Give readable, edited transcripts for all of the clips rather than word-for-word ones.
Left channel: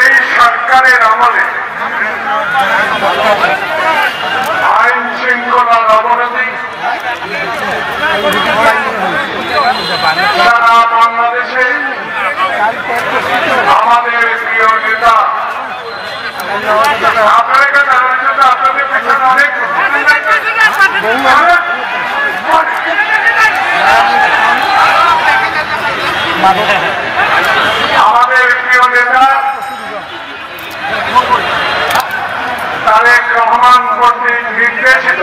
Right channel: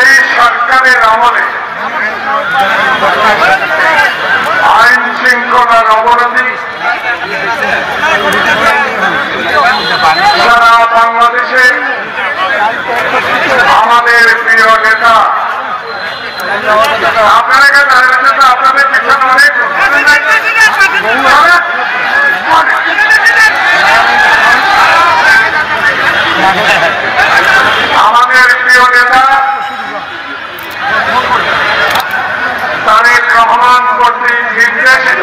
এই সরকারের আমলে আইন শৃঙ্খলার অবনতি সারা বাংলাদেশে আমাদের প্রিয় নেতা আপনাদের আপনাদের পিছনে আমাদের প্রিয় নেতা তারেক রহমান কর্তৃক নির্দেশিত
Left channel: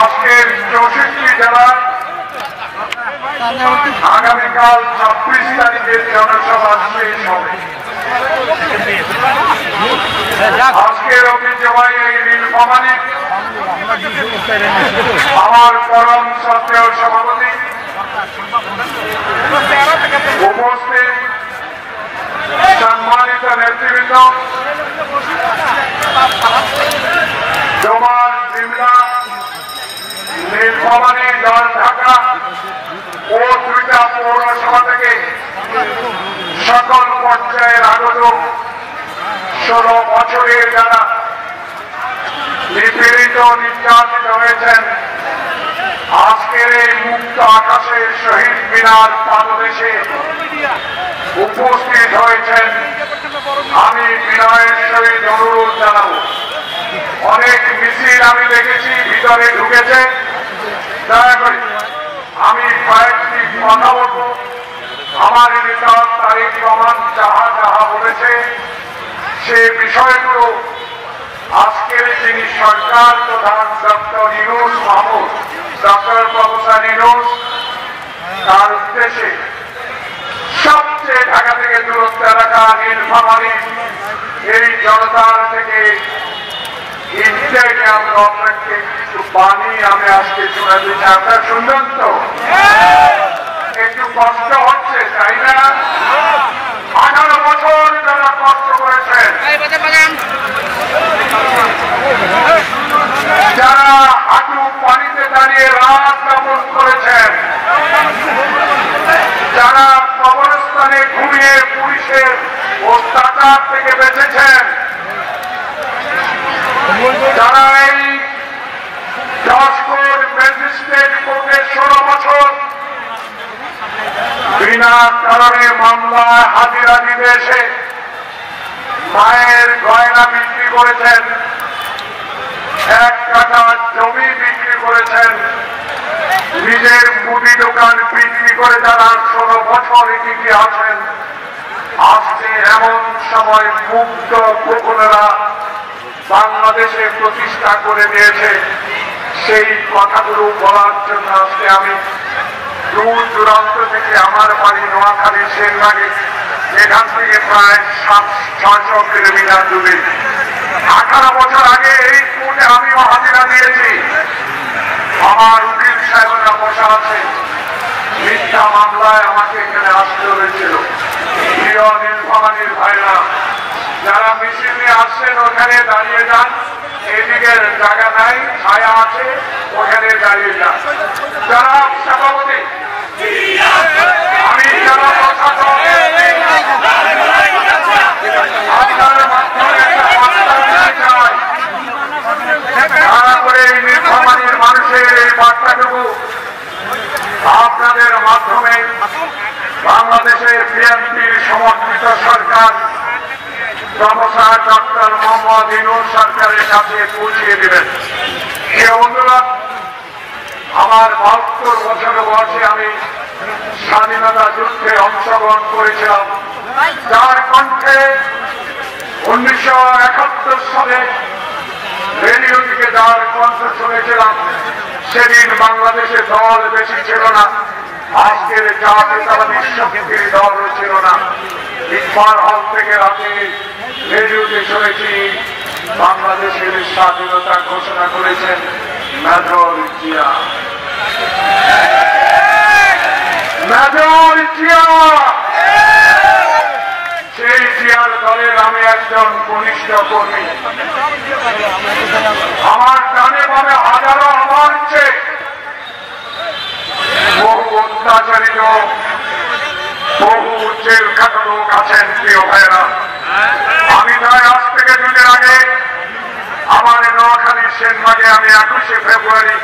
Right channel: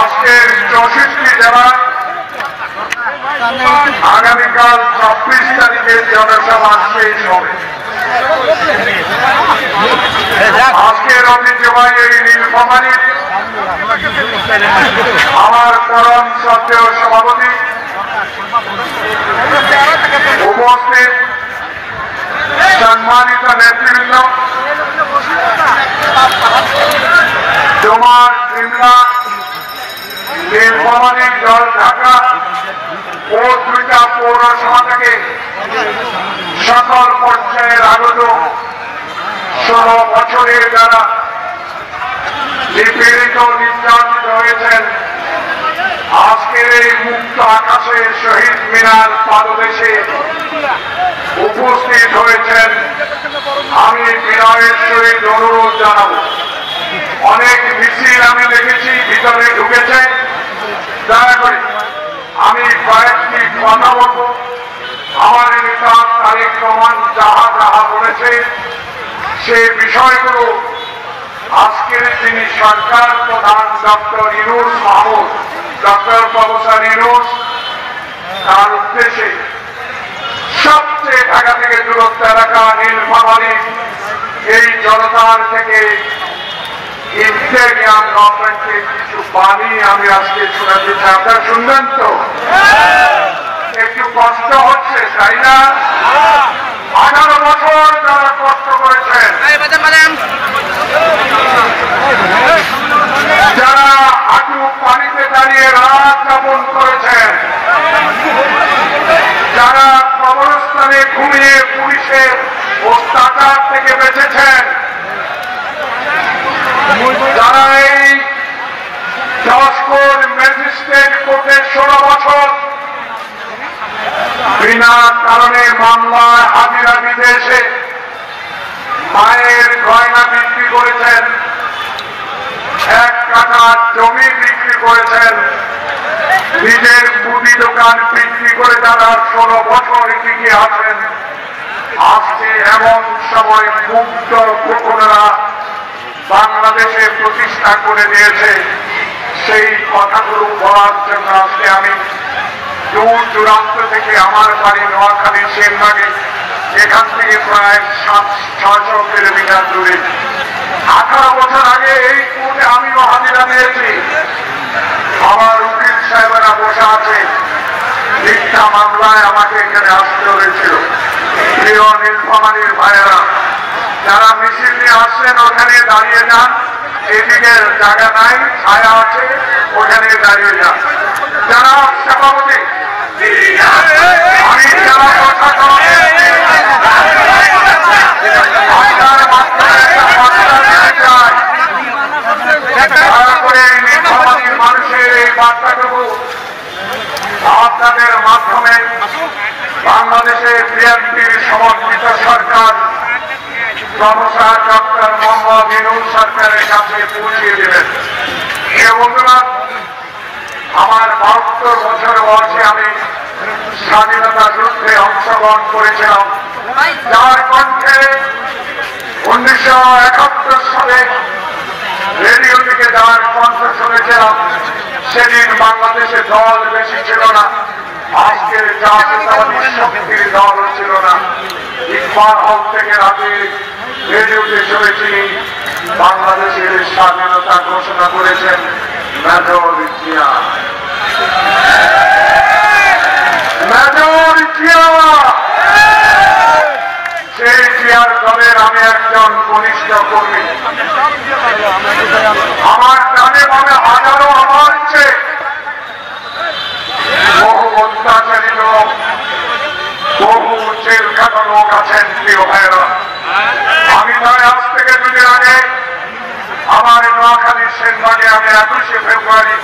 আজকের 64 জেলা আগামীকাল 26 তারিখে জনসভা শেষ হবে। আজকের ঐতিহ্যবাহী নীলফামারীর আমার পরম শ্রদ্ধেয় সভাপতি উপস্থিত সম্মানিত নেতৃবৃন্দ, তোমার জিল্লা নীলফামারী জল ঢাকা ও 2টা পৌরসভা থেকে সকল পর্যায়ের আগত 16 বছরের যারা নিপীড়িত নির্যাতিত হয়েছেন, আজকের এই মুক্ত আকাশে শহীদ মিনার পাদদেশে উপস্থিত হয়েছেন। আমি বিনয়ের সহিত অনুরোধ জানাবো, অনেক মিছিল আমি দেখেছি ভিতরে ঢুকেছে, দয়া করে আমি কয়েকটি কথা বলবো। আমার নেতা তারেক রহমান যাহা যাহা বলেছে সে বিষয়গুলো আজকের যিনি সরকার প্রধান doctor Yunus Mahmud, doctor professor Yunus, তার উদ্দেশ্যে সবচেয়ে ঢাকা থেকে দূরত্ব এলাকা নীলফামারী এই জনতার থেকে ইন্টেরিয়াম গভর্নমেন্টকে কিছু বাণী আমি আজকে শোনা দিচ্ছি। আপনারা শুনবেন তো? একটু কষ্ট হচ্ছে, তাই না? 18 বছর যারা কষ্ট করেছেন, যারা হাঁটু পানিতে দাঁড়িয়ে রাত যাপন করেছেন, যারা কবরস্থানে ঘুমিয়ে পুলিশের অত্যাচার থেকে বেঁচেছেন, যারা এই জজকোর্ট ম্যাজিস্ট্রেট কোর্টে 16 বছর বিনা কারণে মামলায় হাজিরা দিতে এসে মায়ের গয়না বিক্রি করেছেন, 1 কাঠা জমি বিক্রি করেছেন, নিজের মুদি দোকান বিক্রি করে যারা 16 বছর টিকে আছেন, আজকে এমন সময় মুক্ত গোপনেরা বাংলাদেশে প্রতিষ্ঠা করে দিয়েছে। সেই কথাগুলো বলার জন্য আজকে আমি দূর দূরান্ত থেকে, আমার বাড়ি নোয়াখালী সেনবাগে, এখান থেকে প্রায় 600 কিলোমিটার দূরে, 18 বছর আগে এই কোর্টে আমিও হাজিরা দিয়েছি। আমার উকিল সাহেবেরা বসা আছে, মিথ্যা মামলায় আমাকে এখানে আসতে হয়েছিল। প্রিয় নীলফামারীর ভাইয়েরা, যারা মিছিল নিয়ে আসছেন ওখানে দাঁড়িয়ে যান, এদিকে জায়গা নাই, ছায়া আছে, ওখানে দাঁড়িয়ে যান। যারা সভাপতি, আমি যারা কথা আপনার মাধ্যমে দয়া করে নীলফামারীর মানুষের এই বার্তাটুকু আপনাদের মাধ্যমে বাংলাদেশের বিএনপির সমর্থিত সরকার প্রফেসর ডক্টর মোহাম্মদ ইউনূস সরকারের কাছে পৌঁছিয়ে দেবেন। এই বন্ধুরা, আমার 72 বছর বয়সে আমি স্বাধীনতা যুদ্ধে অংশগ্রহণ করেছিলাম, যার কণ্ঠে 1971 সালে রেডিও থেকে যার কণ্ঠ শুনেছিলাম, সেদিন বাংলাদেশে দল বেশি ছিল না, আজকের জাতীয়তাবাদী শক্তির দলও ছিল না। ইকবাল হল থেকে রাতে রেডিওতে শুনেছি বাংলাদেশের স্বাধীনতা ঘোষণা করেছেন মেজর জিয়া। মেজর জিয়া, সেই জিয়ার দলের আমি একজন ঘনিষ্ঠ কর্মী। আমার ডানে বামে হাজারো আমার বহু অত্যাচারী লোক জেল খাটা লোক আছেন প্রিয় ভাইরা। আমি তাই আজ থেকে 2 দিন আগে আমার নোয়াখালী সেনবাগে আমি 21শে ফেব্রুয়ারি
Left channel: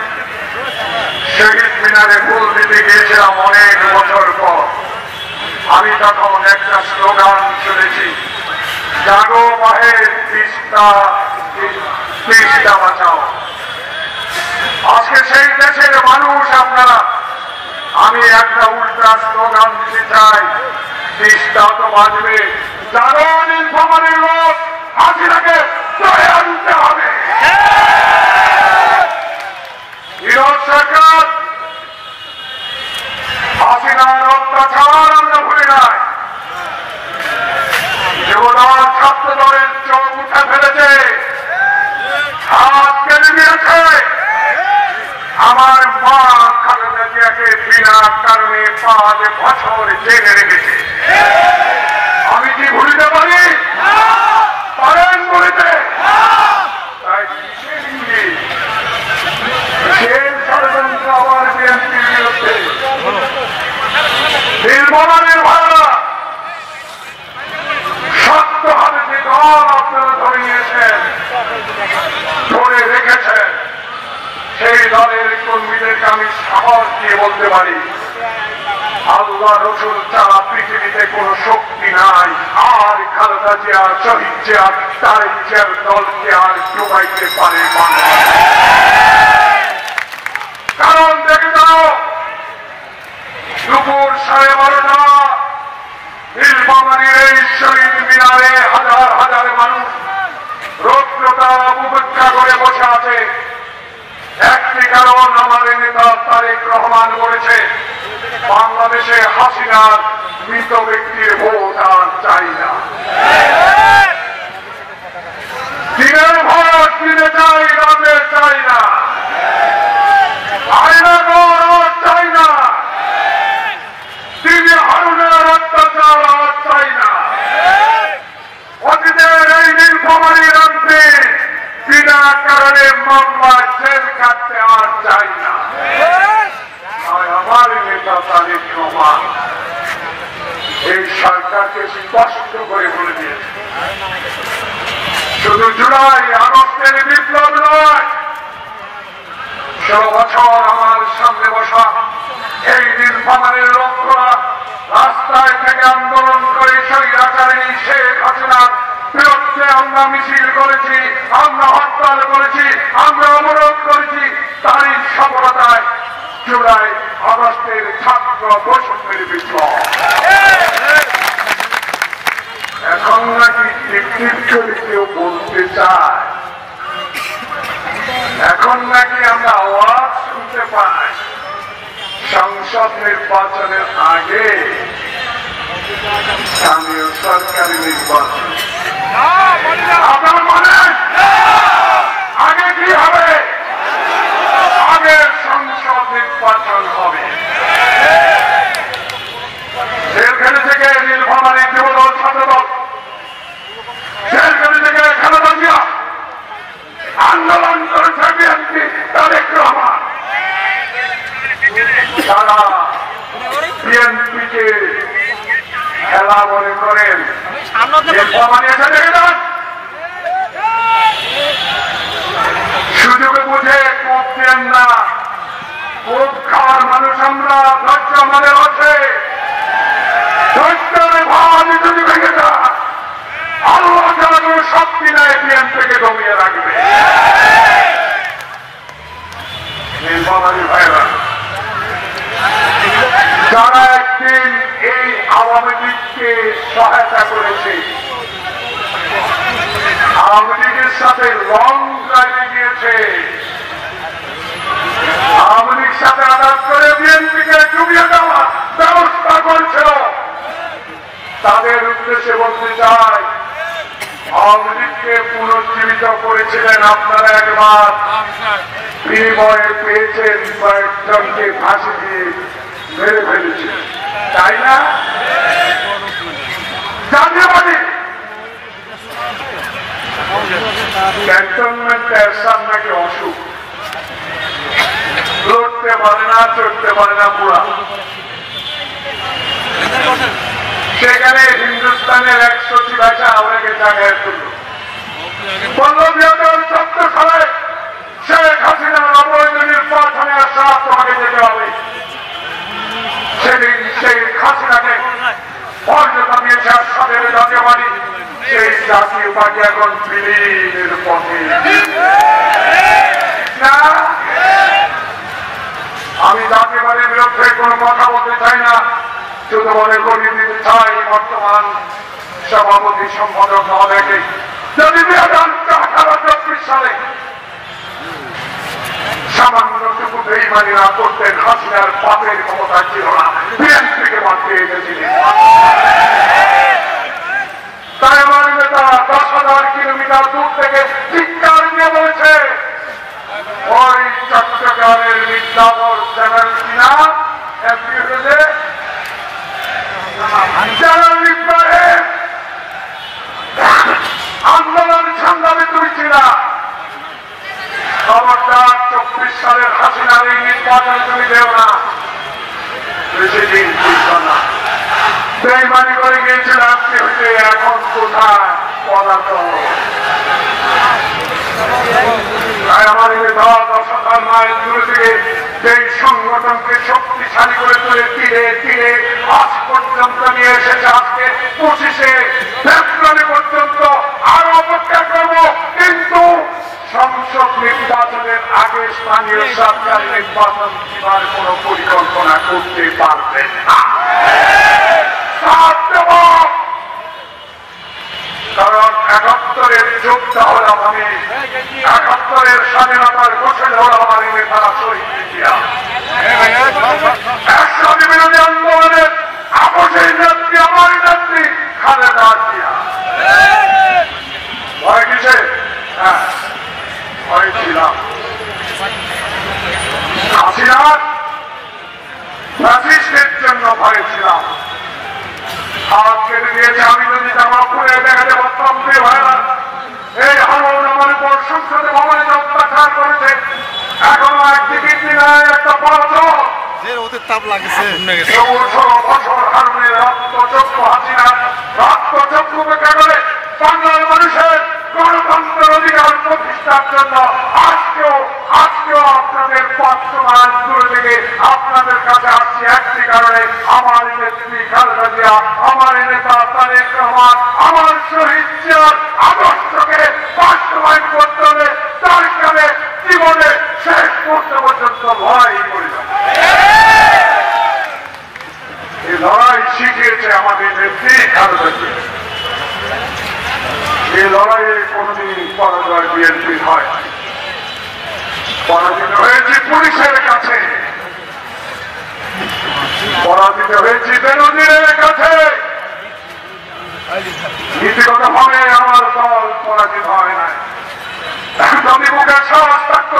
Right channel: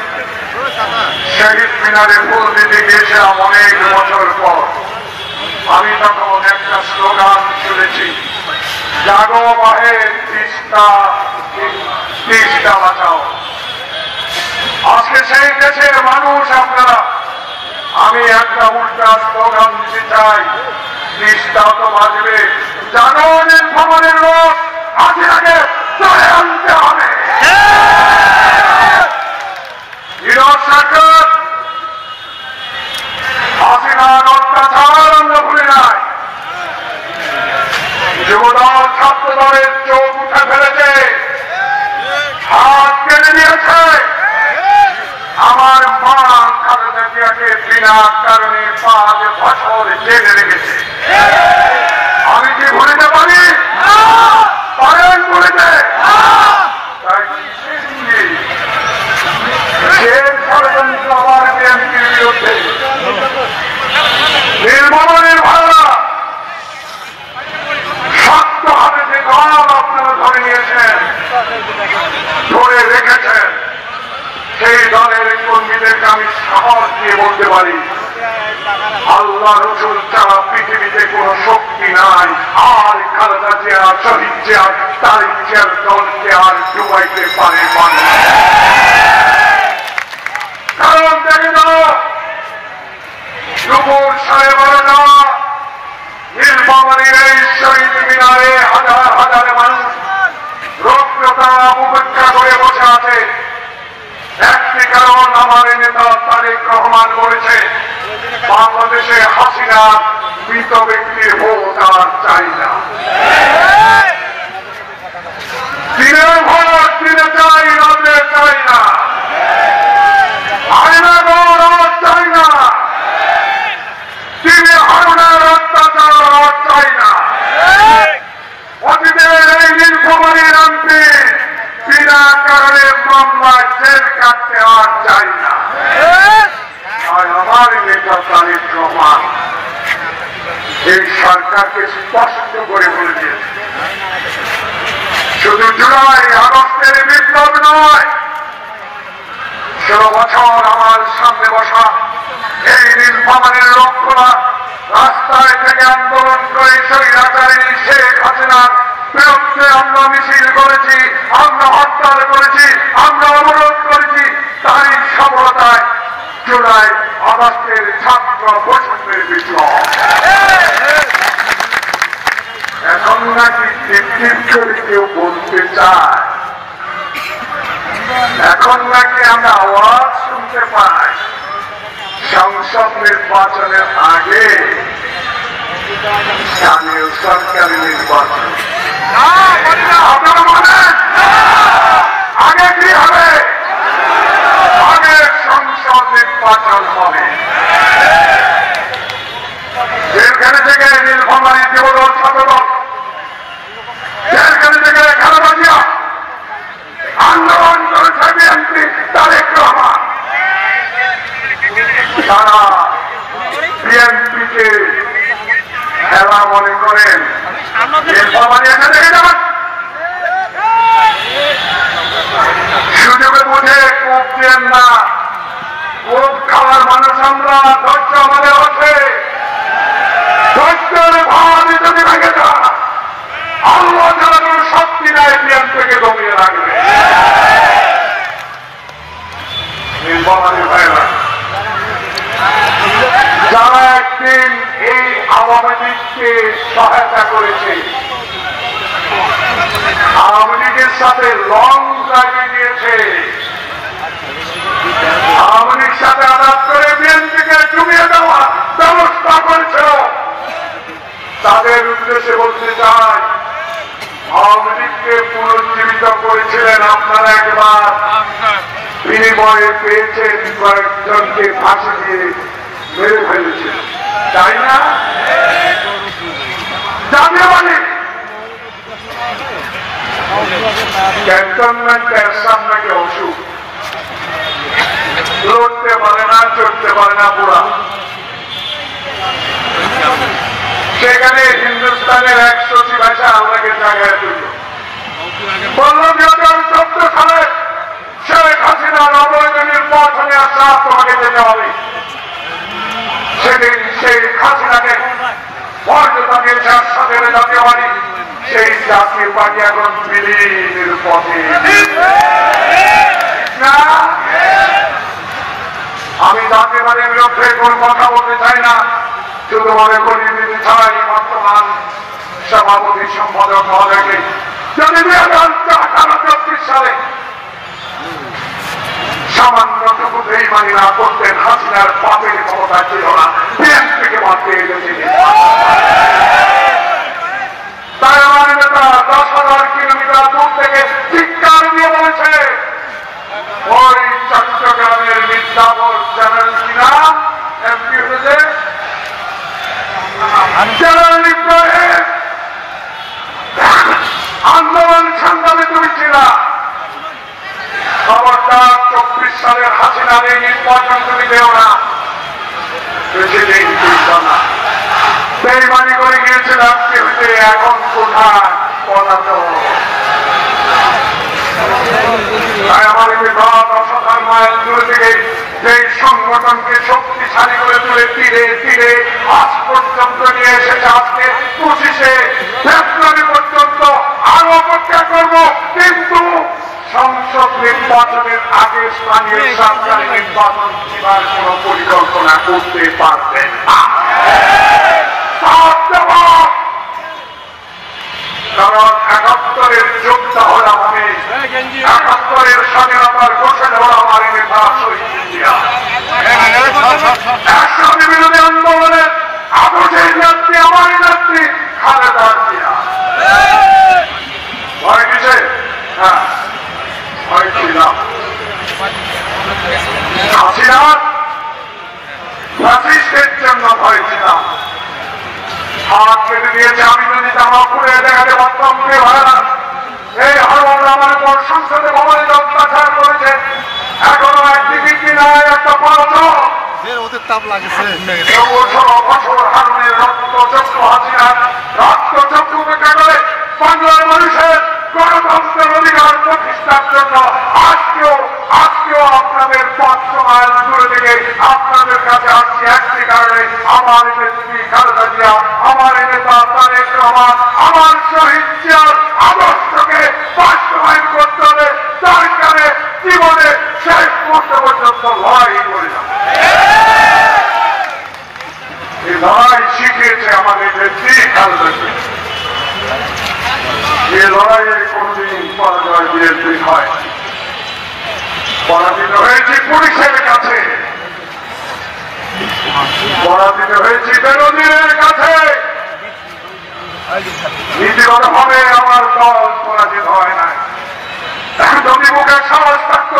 শহীদ মিনারে ফুল দিতে গিয়েছিলাম অনেক বছর পর। আমি তখন একটা স্লোগান শুনেছি, জাগো বাহে তিস্তা বাঁচাও। আজকে সেই দেশের মানুষ আপনারা, আমি একটা উল্টা স্লোগান দিতে চাই, তিস্তা তো বাঁচবে, জাগো নীলফামারীর লোক, হাসিনাকে ধরে আনতে হবে। বিরোধ সরকার হাসিনার অত্যাচার আমরা ভুলে নাই। যুবদল ছাত্র দলের চোখ উঠে ফেলেছে, হাত কেটে দিয়েছে। আমার মা খালেদা জিয়াকে বিনা কারণে 5 বছর জেলে রেখেছে। আমি কি ভুলিতে পারি? পারেন বলেছে। তাই ষড়যন্ত্র আবার বিএনপির বিরুদ্ধে। নীলফামারীর ভাইরা শক্তভাবে যে দল আপনারা ধরে নিয়েছেন, ধরে রেখেছেন, সেই দলের কর্মীদেরকে আমি সাহস দিয়ে বলতে পারি, আল্লাহ রসুল ছাড়া পৃথিবীতে কোন শক্তি নাই। আর খালেদা জিয়া, শহীদ জিয়া, তারিক জিয়ার দলকে আর ডুবাইতে পারে না। কারণ দেখে যাও, দুপুর 12:30 নীলফামারীর এই শহীদ মিনারে হাজার হাজার মানুষ রৌদ্রতা উপেক্ষা করে বসে আছে। একটি কারণ, আমার নেতা তারেক রহমান বলেছে, বাংলাদেশে হাসিনার মৃত ব্যক্তির ভোট আর চাই না। দিনের ভোট দিতে চাই, রাতে চাই না। আইনের ভোট আর চাই না। তিনি হারুনের অত্যাচার আর চাই না। অতীতের এই নীলফামারীর এমপি বিনা কারণে মামলা জেল কাটতে আর চাই না। আমার নেতা তারেক রহমান এই সরকারকে স্পষ্ট করে বলে দিয়েছে, শুধু জুলাই আগস্টের বিপ্লব নয়, 16 বছর আমার সামনে বসা এই নীলফামারীর লোকরা রাস্তায় থেকে আন্দোলন করে স্বৈরাচারী শেখ হাসিনার বিরুদ্ধে আমরা মিছিল করেছি, আমরা হরতাল করেছি, আমরা অবরোধ করেছি। তারই সফলতায় জুলাই আগস্টের ছাত্র বৈষম্যের বিপ্লব। এখন নাকি কেউ বলতে চায়, এখন নাকি আমরা আওয়াজ শুনতে পাই, সংসদ নির্বাচনের আগে স্থানীয় সরকারি নির্বাচন। আপনারা মানেন আগে কি হবে? আগে সংসদ নির্বাচন হবে। জেলখানা থেকে নীলফামারী যুবদল ছাত্রদল, জেলখানা থেকে খালেদা জিয়া আন্দোলন করেছে বিএনপি তারেক রহমান। তারা বিএনপিকে খেলা মনে করেন। সুযোগে বুঝে কোপ দেন না। কোপ খাওয়ার মানুষ আমরা, ধৈর্য আমাদের আছে। ধৈর্যের ভাব যদি ভেঙে যায়, আল্লাহ যেন কোনো শক্তি নাই বিএনপিকে দমিয়ে রাখবে। যারা একদিন এই আওয়ামী লীগকে সহায়তা করেছে, আওয়ামী লীগের সাথে লং ড্রাইভে দিয়েছে, আওয়ামী লীগ সাথে আঘাত করে বিএনপিকে ডুবিয়ে দেওয়ার ব্যবস্থা করেছিল, তাদের উদ্দেশ্যে বলতে চাই, আওয়ামী লীগকে পুনর্জীবিত করেছিলেন আপনারা একবার, বিনিময়ে পেয়েছেন কয়েকজনকে ফাঁসি দিয়ে মেরে ফেলেছে, তাই না? জাতীয়বাদী ক্যান্টনমেন্টের সামনে অসুখ, লড়তে পারে না, চড়তে পারে না, পুরা সেখানে হিন্দুস্তানের 100 ভাষা আমাকে জায়গায় তুলল, বলল 2014 সালে শেখ হাসিনার অবৈধ নির্বাচনে আসা তোমাকে যেতে হবে। সেদিন সেই হাসিনাকে মর্যাদা দিয়েছে আসামের জাতীয় পার্টি, সেই জাতীয় পার্টি এখন বিলীনের পথে। আমি জাতীয় পার্টির বিরুদ্ধে কোন কথা বলতে চাই না, শুধু মনে করিয়ে দিতে চাই বর্তমান সভাপতি সম্পাদক মহোদয়কে যদি 2018-24 সালে সামান্যটুকু বেইমানি না করতেন, হাসিনার পাপের ক্ষমতা ছিল না, বিএনপিকে বাদ দিয়ে গেছিল। তাই আমার নেতা 10,000 কিলোমিটার দূর থেকে চিৎকার দিয়ে বলেছে, ওই চট্টগ্রামের মির্জাপুর জেনারেল কিনা এমপি হয়েছে জেনারেল ইব্রাহিম আন্দোলন সংগ্রামে তুমি ছিলা, খবরদার 24 সালের হাসিনাকে নির্বাচন তুমি দেও না। বেশি দিন না, বেইমানি করে গিয়েছিলাম কেউকে, এখন কোথায় পলাতক। তাই আমার এই 10,000 মাইল দূর থেকে যে সংগঠনকে শক্তিশালী করে তুলে তীরে তীরে আজ পর্যন্ত নিয়ে এসেছে, আজকে 25শে ফেব্রুয়ারি পর্যন্ত আরো অপেক্ষা করব, কিন্তু সংসদ নির্বাচনের আগে স্থানীয় সরকার নির্বাচন করার কোন পরিকল্পনা করতে পারবেন না। কারণ 71-এর যোদ্ধা হলাম আমি, 71-এর স্বাধীনতার ঘোষণা হলাম আমি নেতা শহীদ জিয়া। একসাথে বিরোধী আন্দোলনের আদর্শের নেত্রী আমার নেত্রী খালেদা জিয়া। ভয় কিসে? হ্যাঁ, ভয় ছিলাম হাসিনা ফ্যাসিস্টের জন্য ভয় ছিলাম। হাত কেটে দিয়েছে, আমি যদি জামা খুলে দেখাতে পারতাম কে হয় না। এই হারুন আমার উপর সংসদে ভবনে যে অত্যাচার করেছে, এখনো একদিকে কিনায় একটা পরাজয় ওদের তাপ লাগছে। 16 বছর হারুনের রক্তচক্ষু হাসিনার রক্তচক্ষু উপেক্ষা করে বাংলার মানুষের গণতন্ত্রের অধিকার প্রতিষ্ঠার জন্য আপনাদের 500 মাইল দূর থেকে আপনাদের কাছে আসছি একটি কারণে, আমার নেত্রী খালেদা জিয়া, আমার নেতা তারেক রহমান, আমার শহীদ জিয়ার আদর্শকে বাস্তবায়ন করতে হবে। সরকারে জীবনে শেষ মুহূর্ত পর্যন্ত লড়াই করে যাবে। এই লড়াই শিখিয়েছে আমাদের নেত্রী খালেদা জিয়া। এই লড়াইয়ে কোনদিন পরাজয় বিএনপি হয়। পরাজিত হয়েছি পুলিশের কাছে, পরাজিত হয়েছি বিরোধীদের কাছে। নীতিগতভাবে আমার দল পরাজিত হয় না। যদি মুখের সাহস থাকত,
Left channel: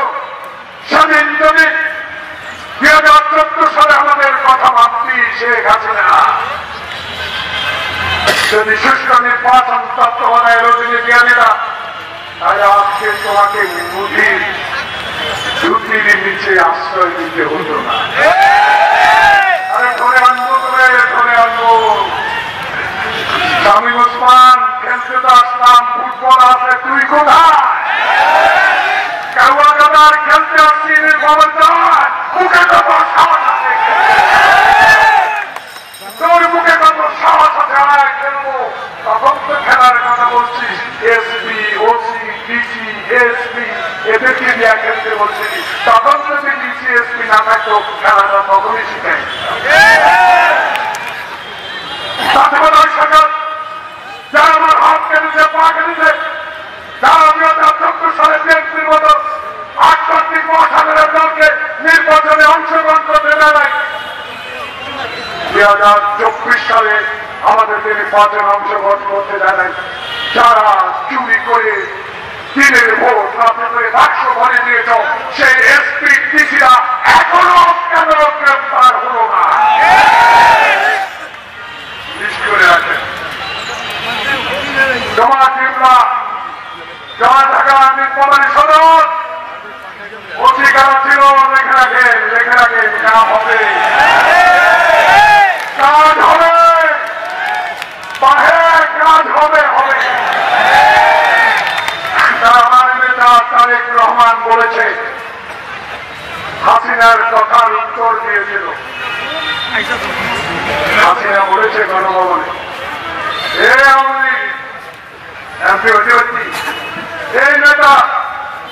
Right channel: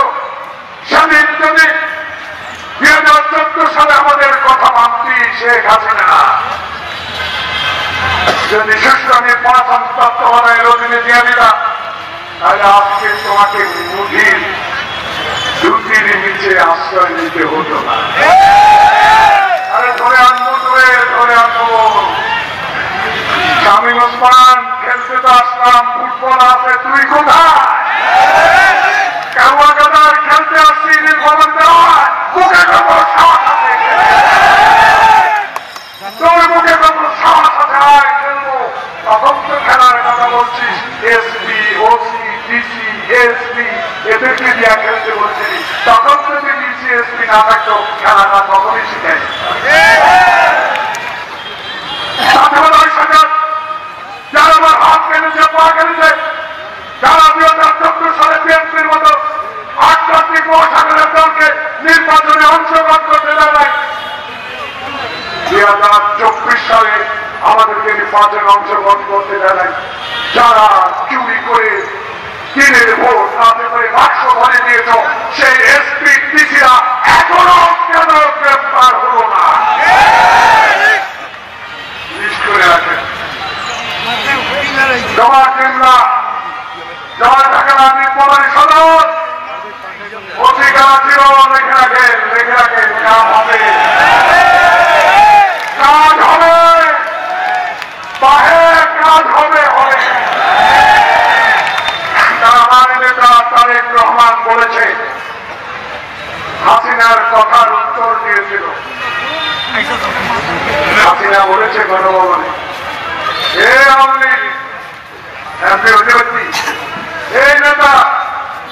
সেদিন যদি 2014 সালে আমাদের কথা মানতি শেখ হাসিনা, যদি সুষ্ঠু নির্বাচন তত্ত্বাবধানে রজনী দিয়ে দিতাম, তাহলে আজকে তোমাকে বুদ্ধির দুটির নিচে আশ্রয় দিতে হতো না। আরে ধরে আনবো, ধরে আনবো। শামীম ওসমান খেলতে তো আসলাম, ফুটবল আছে, তুই কোথায়? কারুয়া গাদার খেলতে আসছি, নির্বাচন দেওয়ার মুখে কত সাহস আছে, তোর মুখে কত সাহস আছে, খেলবো। তখন তো খেলার কথা বলছিস, এসপি, ওসি, ডিসি, এসপি এদেরকে দিয়ে খেলতে বলছিস। তখন যদি ডিসি, এসপি না থাকতো খেলাটা তখনই শিখাই। যারা আমার হাত কেটেছে, পা কেটেছে, যারা 2014 সালে বিএনপির মতো আটটি মহাসাগরের দলকে নির্বাচনে অংশগ্রহণ করতে দেয় নাই, 2024 সালে আমাদেরকে নির্বাচনে অংশগ্রহণ করতে দেয় নাই, যারা চুরি করে দিনের ভোট রাতে করে বাক্স ভরে দিয়েছ, সেই এসপি ডিসিরা এখনো কেন গ্রেফতার হলো না? করে রাখেন। জমা কিংবা জমা টাকা নির্বাচনী সদন অধিকার ছিল, লেখে রাখেন কাজ হবে, কাজ হবে। কথার উত্তর দিয়েছিল। হাসিনা বলেছে গণভবনে, এমপি অধিপতি, এই নেতা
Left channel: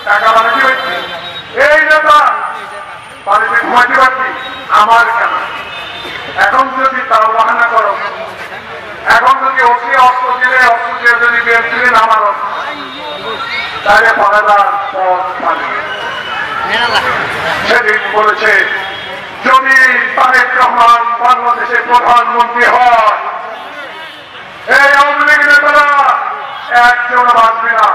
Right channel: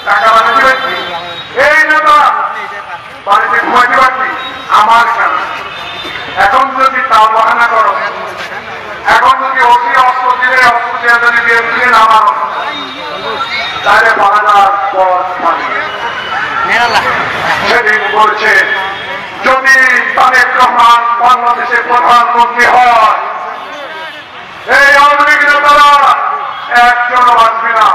টাকা বানাতে পারছি, এই নেতা বাড়িতে ঘুমাইতে পারছি, আমার কেন? এখন যদি তা বাহানা করো, এখন যদি ওকে অস্ত্র দিলে অস্ত্র দিয়ে যদি বিএনপি নামার তাহলে পালাবার পথ মানে সেদিন বলেছে যদি তারেক রহমান বাংলাদেশের প্রধানমন্ত্রী হয় এই আওয়ামী লীগ নেতারা একজন বাঁচবে না।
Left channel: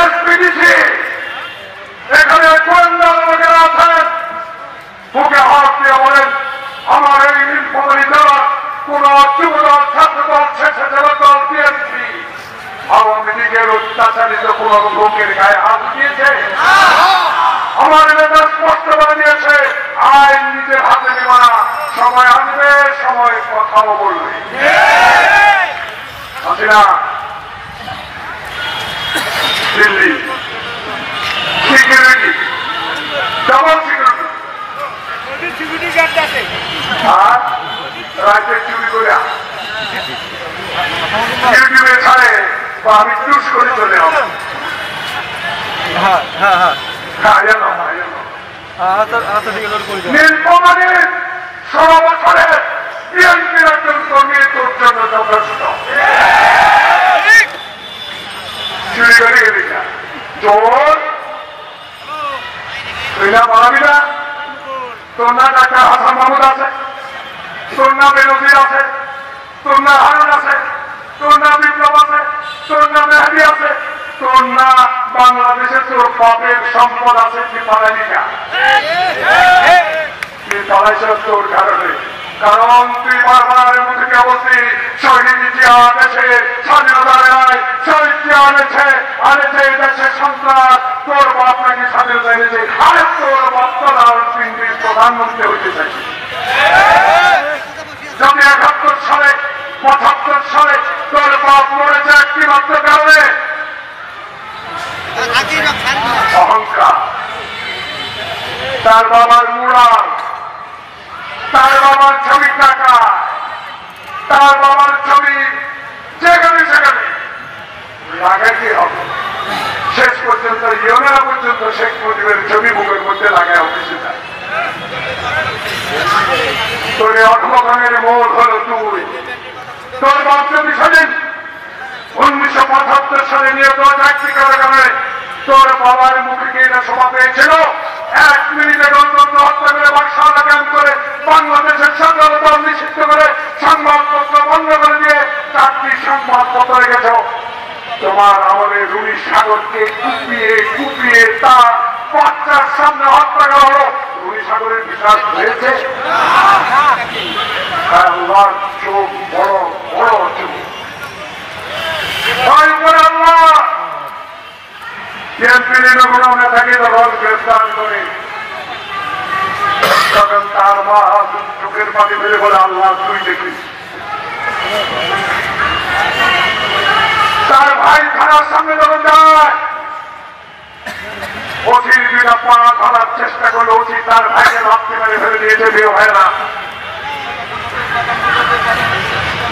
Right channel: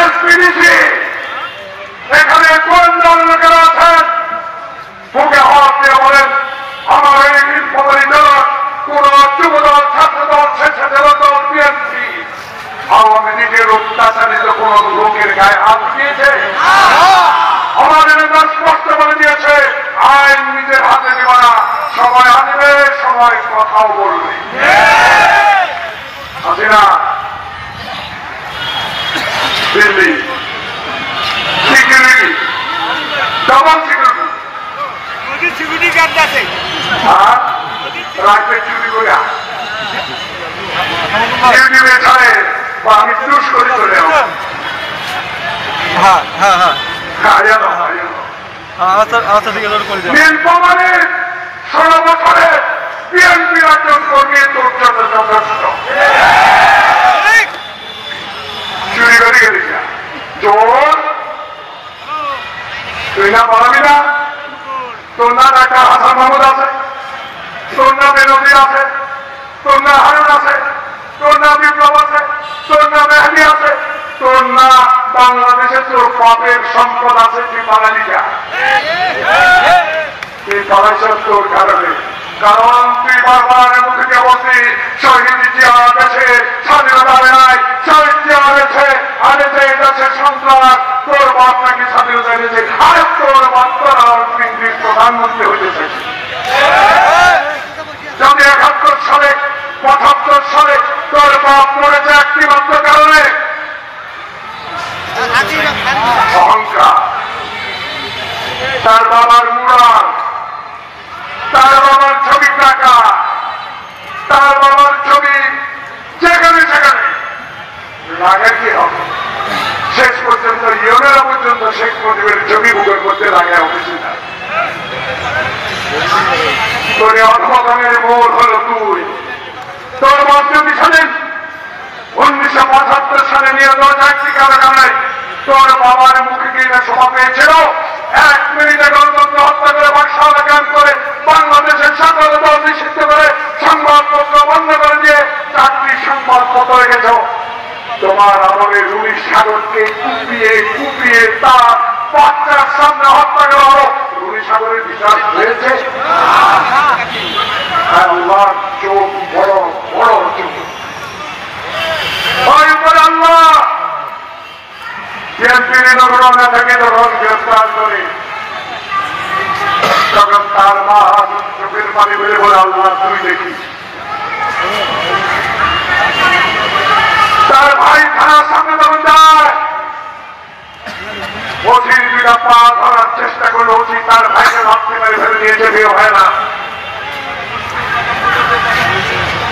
এসপিডিসি এখানে কোন লোকেরা আছেন মুখে হাত দিয়ে বলেন আমার এই নীলফামারী দল কোন যুবদল ছাত্রদল স্বেচ্ছাসেবক দল বিএনপি আওয়ামী লীগের অত্যাচারিত কোন লোকের গায়ে হাত দিয়েছে? আমাদের নেতা স্পষ্ট করে দিয়েছে আইন নিজের হাতে নেবে না, সময় আনবে, সময় কথাও বলবে। Hasina Delhi security double security আর রাজ্যের চুরি করে ইউটিউবে ছাড়ে বা আমি চুজ করে চলে আসবো। নীলফামারীর 16 বছরে বিএনপির একজন কর্মী তোর জন্য যথেষ্ট। চুরি করে গেলি না, চোর তুই না বলাবি না? তোর না ডাক্তার হাসান মাহমুদ আছে, তোর না বেনজির আছে, তোর না হারুন আছে, তোর না বিপ্লব আছে, তোর না মেহাদি আছে, তোর না বাংলাদেশে তোর বাপের সম্পদ আছে, তুই পালালি না। তুই পালাইছ তোর কারণে, কারণ তুই বারবার মুখে বলছি শহীদ জিয়া দেশে স্বাধীনতা নাই, শহীদ জিয়া দেশে আনেছে এই দেশে সন্ত্রাস, তোর বাপ নাকি স্বাধীনতা এনেছে, আরে তোর বাচ্চারা ইংরেজ প্রধানমন্ত্রী হইতে চাইছে। যদি 71 সালে 75 সালে তোর বাপ মরেছে একটি মাত্র কারণে অহংকার, তার বাবার মুরাল, তার বাবার ছবি টাকা, তার বাবার ছবি যেখানে সেখানে লাগে কি হবে? শেষ পর্যন্ত ইউনেরা পর্যন্ত শেখ মুজিবের ছবি বুকের মধ্যে লাগায় অফিসে যায়। তোর অধমনের মোড় হল তুই। তোর বাপ যদি শোনেন 1975 সালে নিয়ে 1000টি কারাগারে তোর বাবার মুখে গিয়ে সভা পেয়েছিল, 1 মিনিটে গণতন্ত্র হত্যা করে বাক্সা লাগান করে বাংলাদেশের স্বাধীনতা নিষিদ্ধ করে সংবাদপত্র বন্ধ করে দিয়ে 4টি সংবাদপত্র হয়ে গেছ। তোমার আমলের রুই সাগরকে কুপিয়ে কুপিয়ে তা বাচ্চার সামনে হত্যা করা হলো। রুই সাগরের বিচার হয়েছে? আল্লাহ চোখ বড় বড় চোখ আল্লাহ বিএনপির আমরা থাকি যখন গ্রেফতার করে তখন তার মা চোখের পানি বেড়ে বলে আল্লাহ তুই দেখিস। তার ভাই থানার সামনে যখন যায় অচির বিনা পা ধরার চেষ্টা করে অচি তার ভাইকে ভাবতে মেরে ফেলে দিয়েছে, বিয়ে হয় না।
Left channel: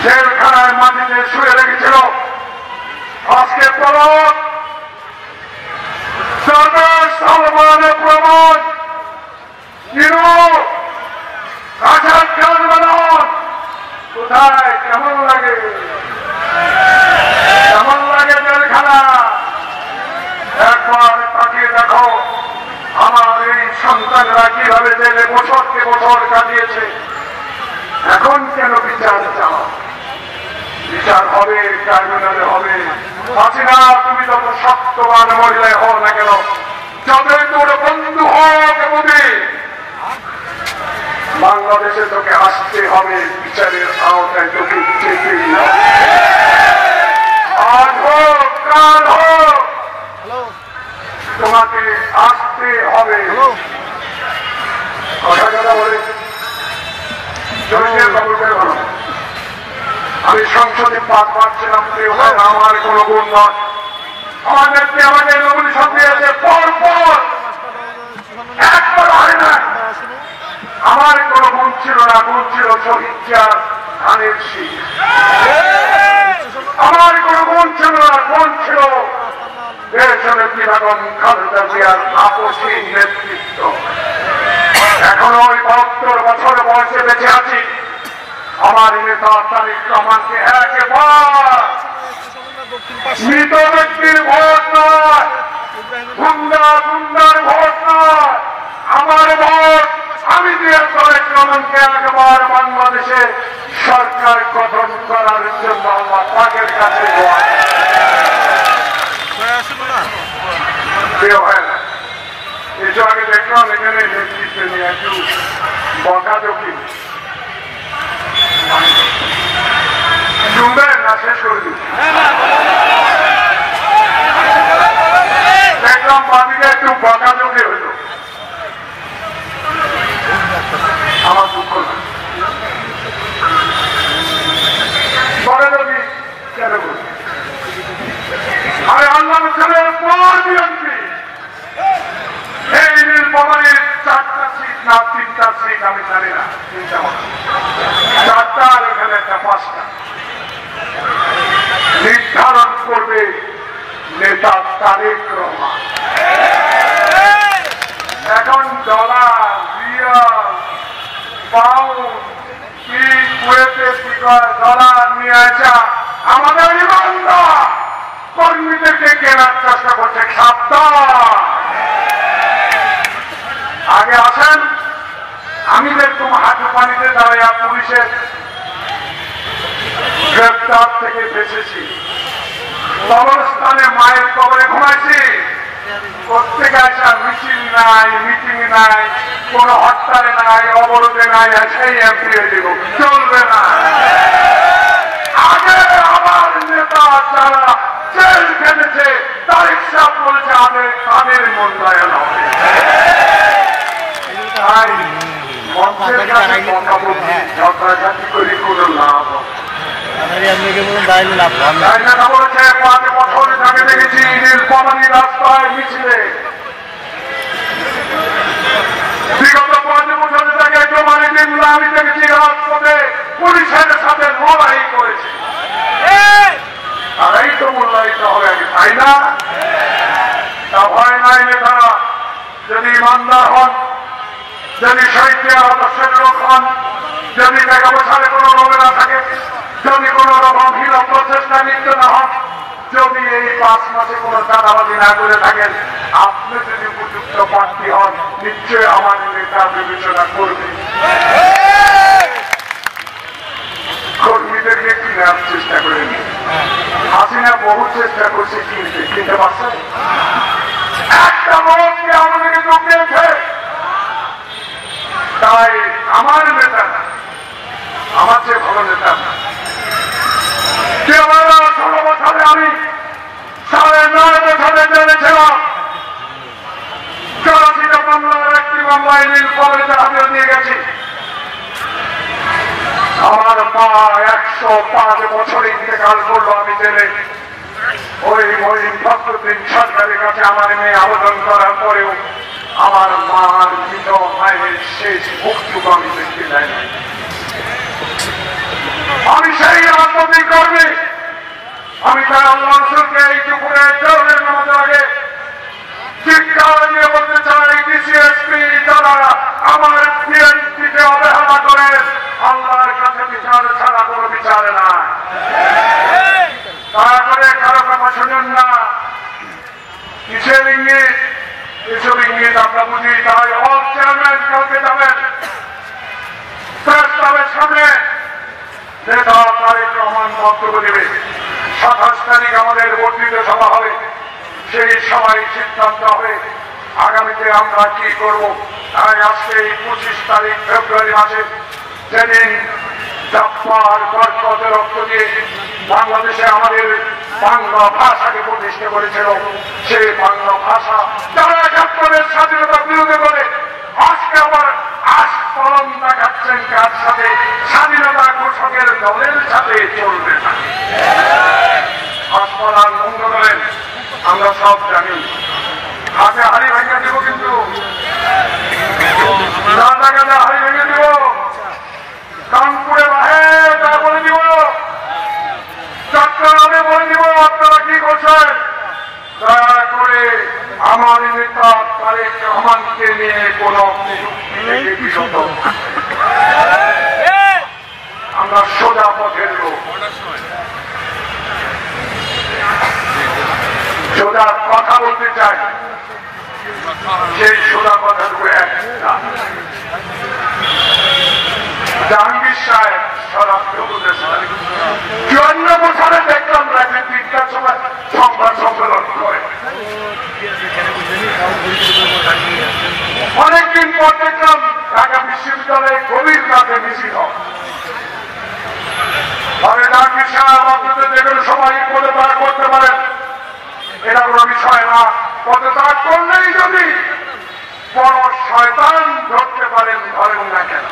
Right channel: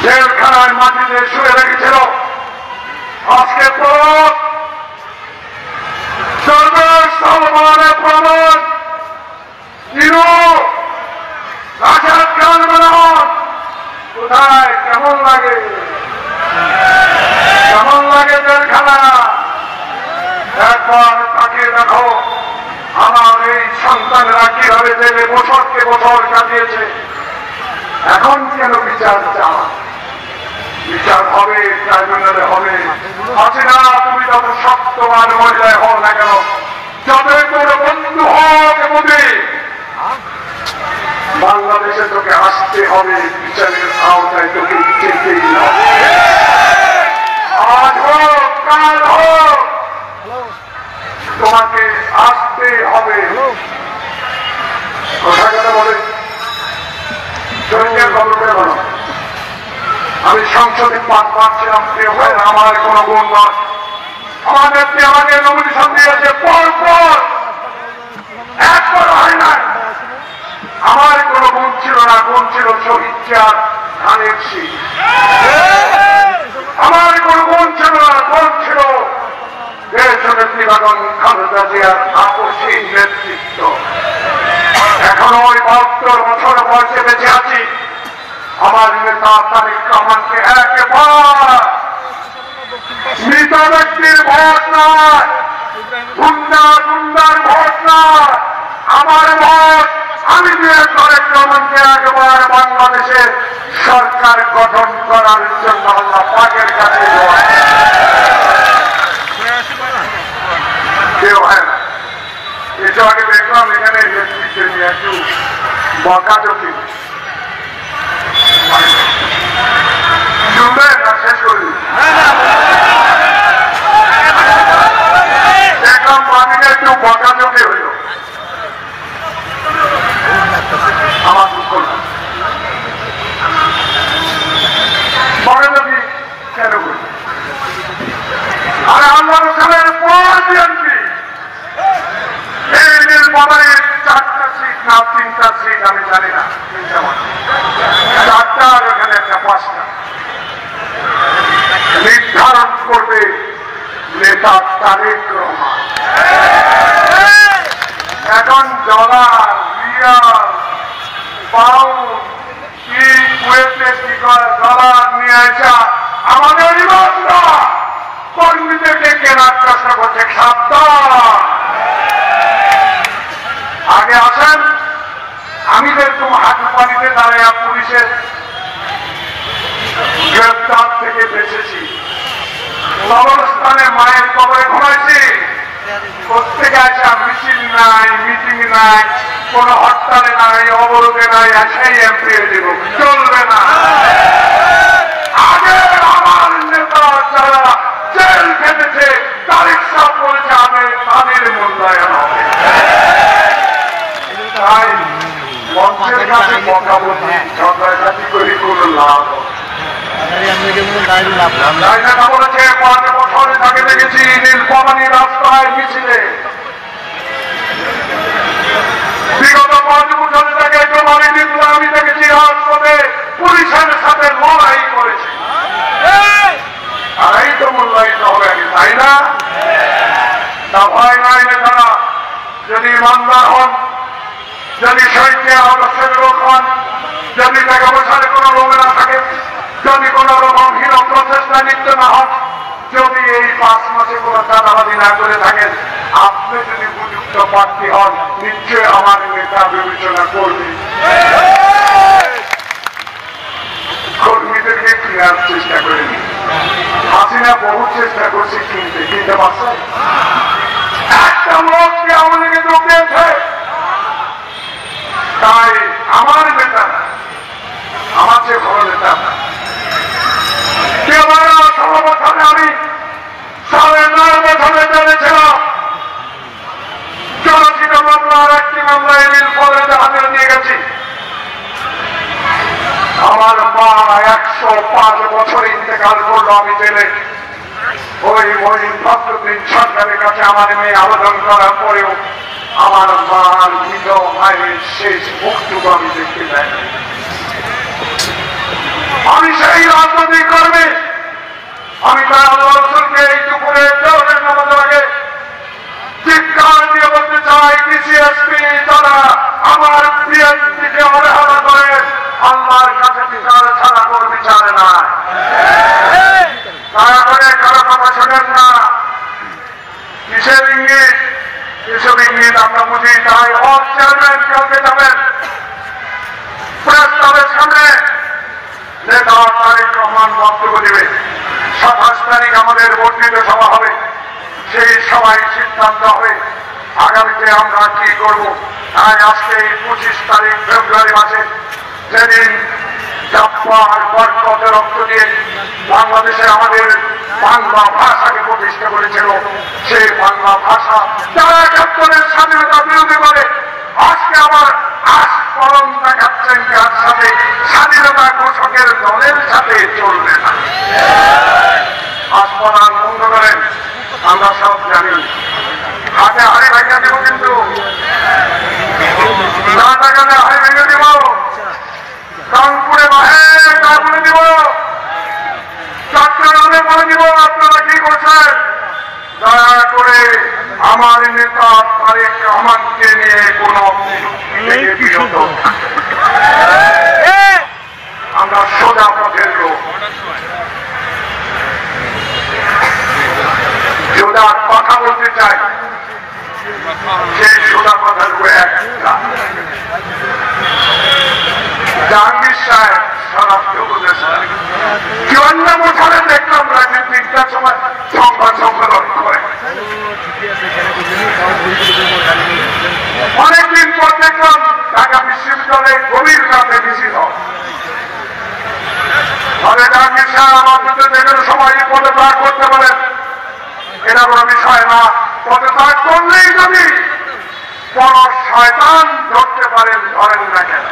জেলখানার মাটিতে শুয়ে রেখেছিল। আজকে পর সলমানের প্রমাণ কোথায় কেমন লাগে, কেমন লাগে জেলখানা? একবার তাকিয়ে দেখো আমার এই সন্তানরা কিভাবে জেলে বছরকে বছর কাটিয়েছে। এখন কেন বিচার চাওয়া? বিচার হবে, ট্রাইব্যুনালে হবে। হাসিনা তুমি যত শক্তমান মহিলায় হও না কেন, যতই তোর বন্ধু হোক মোদী, বাংলাদেশে তোকে আসতে হবে, বিচারের আওতায় তোকে যেতেই হবে। আজ হোক কাল হোক তোমাকে আসতে হবে। কথা কথা বলে জমিয়ে খবর ভালো। আমি সংসদে 5 বার ছিলাম, কেউ হয় না, আমার কোন গুণ নয়। আমাদের নমিনেশন দিয়েছে পর পর একবার হয় না। আমার কোনো মন ছিল না, মন ছিল শহীদ জিয়ার ধানের শীষ। আমার কোনো মন ছিল না, মন ছিল দেশনেত্রী বেগম খালেদা জিয়ার আপসহীন নেতৃত্ব। এখন ওই 72 বছর বয়সে বেঁচে আছি। আমার নেতা তারেক রহমানকে একবার মৃত ব্যক্তির ভোট নয়, গুন্ডার ভোট নয়, আমার ভোট আমি দিয়ে তারেক রহমানকে একবার বাংলাদেশে সরকার গঠন করার জন্য আল্লাহ পাকের কাছে একটু আগে দেখলাম এখানে নেতৃত্ব নিয়ে একটু বকাঝকি ডুবে না শেষ করি দেখলাম পানিতে একটু বকাঝকি হইল। আমার দুঃখ বকাঝকি কেন করি? আরে আল্লাহ রসুলের পর বিএনপি এই নির্বাচনে 4টা সিট না 3টা সিট আমি জানি না, 4টা আর ওখানে একটা 5টা নির্ধারণ করবে নেতা তারেক রহমান। এখন ডলার, রিয়াল, পাউন্ড কি কুয়েতে কি ডলার নিয়ে আসা আমাদের ইমানদার কর্মীদেরকে কেনার চেষ্টা করছে। সাবধান, আগে আসেন। আমি যেরকম হাঁটু পানিতে দাঁড়িয়ে পুলিশের গ্রেপ্তার থেকে বেঁচেছি, কবরস্থানে মায়ের কবরে ঘুমাইছি। প্রত্যেকে আছে মিছিল নাই, মিটিং নাই, কোন হরতালে নাই, অবরোধে নাই, সেই এমপি হয়ে দিব, চলবে না। আগে আমার নেতা যারা জেল খেটেছে তারিখ সাহেব বলছে আমি তাদের মূল্যায়ন হবে। তাই মঞ্চের কাছে কথা বলছি, ঝগড়াঝাটি করে কোনো লাভ হবে। বলেছে 5 বছরে তাকে দেখেছি নীলফামারী রাস্তায় মিছিলে। বিগত 5 বছরে তাকে জমানি নিমলা আমি দেখেছি রাজপথে পুলিশের সাথে লড়াই করেছে। তারাই তো মূল্যায়িত হবে আগে, তাই না? তা ভয় নাই নেতারা যদি ইমানদার হন, যদি শহীদ আদর্শের লোক হন, যদি টাকা পয়সার কোনো লোভে না থাকে, যদি কোন রকম হীন প্রচেষ্টা লিপ্ত না হন, যদি এই 5 মাসে কোন চাঁদাবাজি না করে থাকেন, আপনি যদি উপযুক্ত প্রার্থী হন নিশ্চয় আমার নেতা বিবেচনা করবে। কর্মীদেরকে কেনার চেষ্টা করেনি। হাসিনা বহু চেষ্টা করছে কিনতে পারছে। একটা লোককে আমাদের কিন্তু পেয়েছে। তাই আমার নেতা না, আমার চেয়ে ভালো নেতা না। 16 বছরে আমি 9.5 বছরে জেনেছিলাম। জনচিত মামলার একটি মামলায় নীলফামারীতে হাজিরা দিয়ে গেছি। আমার মা 105 বছরে ইন্তেকাল করলো আমি জেনে। ওই মহিন ফখরুদ্দিন সরকারের কাছে আমার মেয়ে আবেদন করার পরেও আমার মার মৃত মায়ের শেষ মুক্তটুকু আমি দেখতে যাই। আমি সেই রাজনৈতিক কর্মী। আমি তার আল্লাহ রসুলকে এই দুপুরে জোহরের নামাজের আগে চিৎকার দিয়ে বলতে চাই, ডিসিএসপি যারা আমার বিএনপিকে অবহেলা করেন আল্লাহর কাছে বিচার ছাড়া কোনো বিচার নাই। দয়া করে কারো কথা শোনেন না। কিসের ইঙ্গিত? এসব ইঙ্গিত আমরা বুঝি। তাই অল চেয়ারম্যান কালকে যাবেন প্রেস ক্লাবের সামনে, নেতা তারেক রহমান বক্তব্য দেবে। 27 তারিখ আমাদের বর্ধিত সভা হবে। সেই সভায় সিদ্ধান্ত হবে আগামীতে আমরা কি করব। তাই আজকে এই 25 তারিখ ফেব্রুয়ারি মাসে যেদিন জাপ্পার বরকত রক্ত দিয়ে বাংলাদেশে আমাদের বাংলা ভাষাকে প্রতিষ্ঠা করেছিল, সেই বাংলা ভাষা যারা 71-এর স্বাধীনতা বিরোধী করে আজকে আবার আস্ফলন দেখাচ্ছেন কার সাথে? স্বাধীনতা ঘোষকের দলের সাথে চলবে না। আস্ফলন বন্ধ করেন, আমরা সব জানি। হাতে হাড়ি ভাঙা দেব কিন্তু ঢাকাতে হাই ভেঙে দিব, কানপুরে বাহে তা বলে দিব, চট্টগ্রামে বলে দিব আপনারা কি করছেন। দয়া করে আমার নেতা তারেক রহমানকে নিয়ে কোন বিরত আমরা সোজা পথের লোক, সোজা কথা বলতে চাই। সেই সোজা কথাগুলো একটা জাহাঙ্গীর সাহেব স্বরাষ্ট্র উপদেষ্টা ৫৪ বছরে দেখলাম রাজনীতিটার সময় সংবাদ সম্মেলন করে, অনেকদিন পর দেখলাম ঢাকা বিশ্ববিদ্যালয়ে গভীর রাতে মিছিল। তবে জাহাঙ্গীর সাহেব আপনাদের যেকোনো সময় পদত্যাগ করতে পারেন, এটা কোনো বিষয় না। পদত্যাগ করলেই যদি বড় শয়তান ধরতে পারেন, ধরেন না কেন।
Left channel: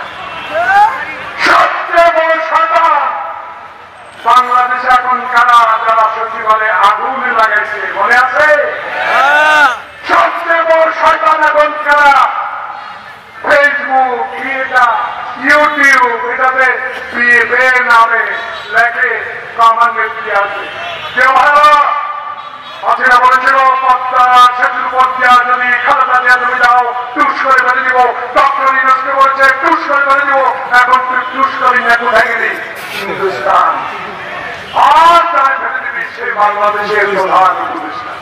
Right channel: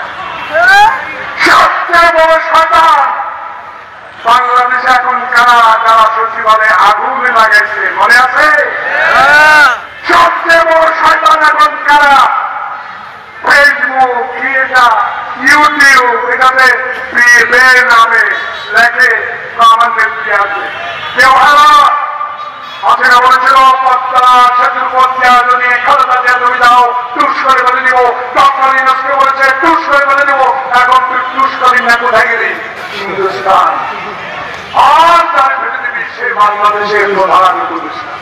সবচেয়ে বড় শয়তান বাংলাদেশে এখন কারা যারা সচিবালয়ে আগুন লাগাইছে, মনে আছে? সবচেয়ে বড় শয়তান এখন কারা? ফেসবুক, ইউটিউব, এটাতে নামে লেখে আমার ব্যক্তি আছে। কেউ হাসিনা বলেছিল পদ্মা সেতুর উপর দেওয়া জমি খালেদা জিয়া জমি দাও, টুস করে বলে দিব। ডক্টর ইউনূসকে বলেছে টুস করে বলে দিব। এখন তুই টুস করি না, কোথায় গেলি? হিন্দুস্তান। আর তার ভেতরে দিবি সেই বাংলাদেশের প্রধান উপদেষ্টা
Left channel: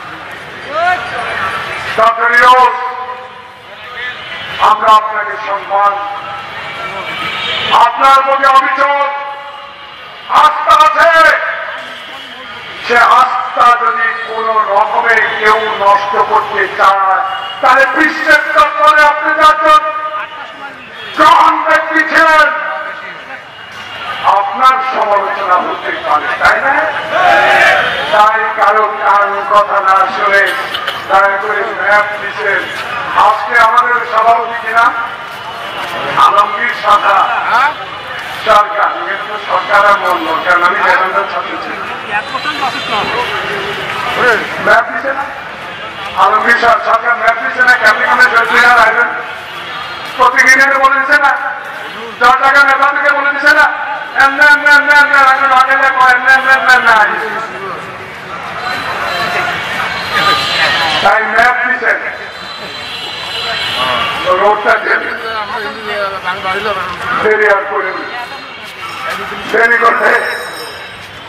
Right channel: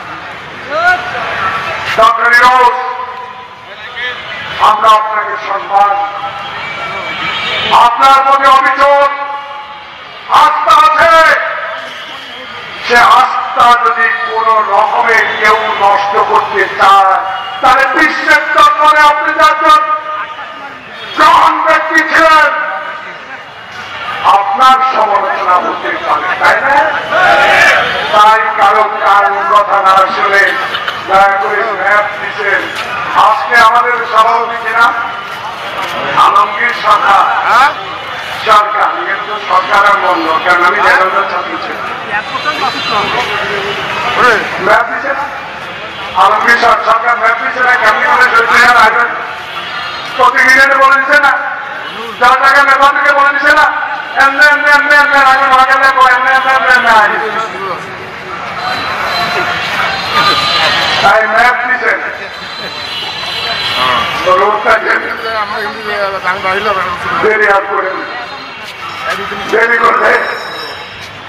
ডক্টর ইউনূস। আমরা আপনাকে সম্মান, আপনার প্রতি অভিযোগ, আস্থা আছে। সে আস্থা যদি কোন রকমে কেউ নষ্ট করতে চায়, তাহলে বিশ্বের দরবারে আপনি যাচ্ছেন গ্রহণ ব্যক্তি ছিলেন, আপনার সমালোচনা হতে পারে, তাই না? তাই কারো কারণ কথা না শুনে দয়া করে ম্যাপ দিচ্ছেন। আজকে আমাদের সভাপতি কিনা আলমগীর সরকার, সরকার কিন্তু সরকার আর বলল, কারণ আমি জেলার ছাত্র ছিলাম। ম্যাপ দিচ্ছে না আলমগীর সরকার, ম্যাপ দিচ্ছে না। কেমনি মানে জয়পুরার আসবেন প্রতিদিনের বলে দিচ্ছে না, 10 টাকা নেতা থেকে বলে দিচ্ছে না, এমনি এমনি এমনি এমনি আসবেন, আগে দেখো এমনি এমনি এমনি এমনি আসবে। তাই ম্যাপ দিচ্ছেন, রোডটা দেরি আর করে দেরি করতে,